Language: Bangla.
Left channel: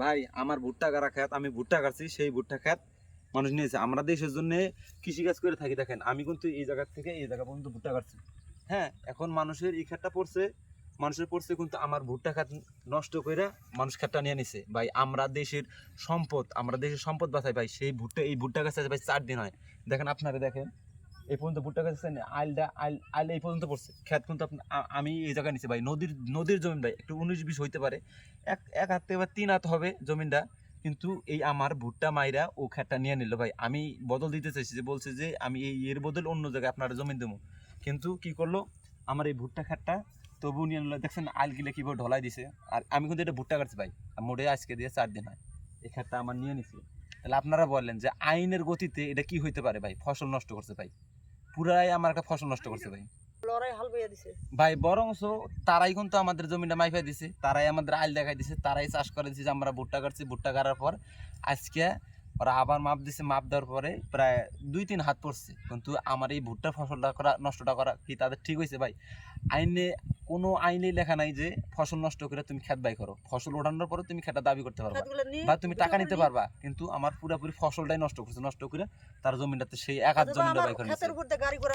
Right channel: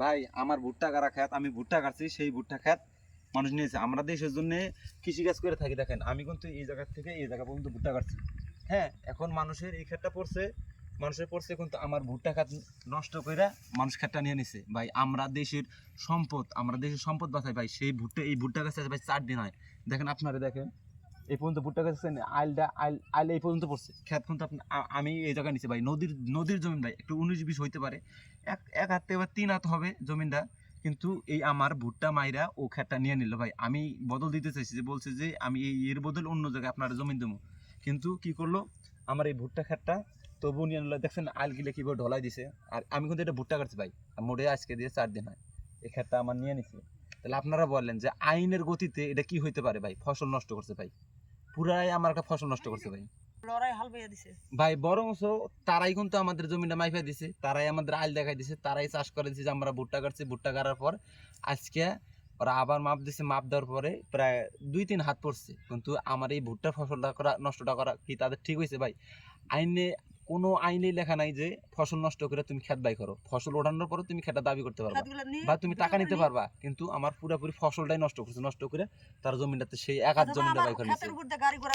ভাই আমার ভুট্টা কাটা খেত, আমি ভুট্টা কাটছি, সেই ভুট্টা খেত মানুষ নিয়েছে। আমরা দেশের জন্য কৃষিকাজ করে থাকি। দেখেন আমি কিন্তু এই জায়গা থেকে এই জায়গা পর্যন্ত ভুট্টা কাটছি। হ্যাঁ, এখন মানুষের এই ক্ষেতটা পড়ছে, মানুষের পড়ছে, কিন্তু আমার ভুট্টা খেত নষ্ট করে মানুষ খেতটা নিয়ে নিছে। ভাই আমরা দেশের সম্পদ, আমরা দেশের সম্পদ বাঁচাই ভাই। সেই ভুট্টা, এই ভুট্টা গাছ ভাই 4 দিন হয়। দেখেন আপনারা দেখেন, এই পর্যন্ত ভুট্টা গাছ আইল এই পর্যন্ত পড়ছে। খেত কিন্তু আমি এই জায়গায় নিছি ভাই, নদীর জমিন ভাই, একটু 19-20 হইতে পারে, এক হাত থেকে বা 3 হাত হবে জমিনটা। কিন্তু এই আমার ভুট্টা মাইরা ও খেতটা নিয়ে নিল ভাই। আমি বদল দিতে চাইছি, যে বলছে যে আমি এর বদল অন্য জায়গায় আপনার জমিন দেবো, কিন্তু কি করলো আমার এই ভুট্টা খেতটা তবু নিয়ে নিল। দেখছেন আইল গিলে কিভাবে ঢলাই দিছে। আর আমি কিন্তু এটা ভুট্টা কাটছি ভাই, মোড়ে আজকে দিয়ে 4 দিন হয়, এই খেতটা আমার নিয়ে নিছে। তাহলে আপনারা বললেন যে আইনের গতিতে এটা কি হইতে পারে ভাই? ফসল নষ্ট করছে ভাই, পুরাই আমার একটা ফসল নষ্ট করছে ভাই। লড়াই হাল বইয়া দিছে ভাই বরংস তারাই কিন্তু আমাদের জমিটা মাইফা দিছে, তারাই আমাদের আইল দেখাই দিছে, তারাই চাষ করে দিছে যে আমরা ভুট্টা কাটছি। ভুট্টা কাটার পর আজকে ওরা আবার মাপ দিছে, মাপ দেওয়ার পরে প্রায় 2-3 হাত পড়ছে, কিন্তু আমার এই ভুট্টার ফসলটা করা, নষ্টটা করা কি তাদের ঠিক হয়েছে ভাই? আইনে কোনো আইনেই লেখা নাই যে ফসল নষ্ট করে তুমি খেত বাই করো। ফসল ওঠানোর পরে তুমি খেতটা দাবি করতে পারবা খাতগুলো নিয়ে বা তুমি টাকা নিতে পারবা, কিন্তু আমার পুরোপুরি ফসলটাই নষ্ট করছে। নষ্ট করে তার জমিটাতে সেই এক হাত অথবা জমিটা আমার বাই করে খাতের নিছে। উপর দিয়ে গাড়ি ঘোড়া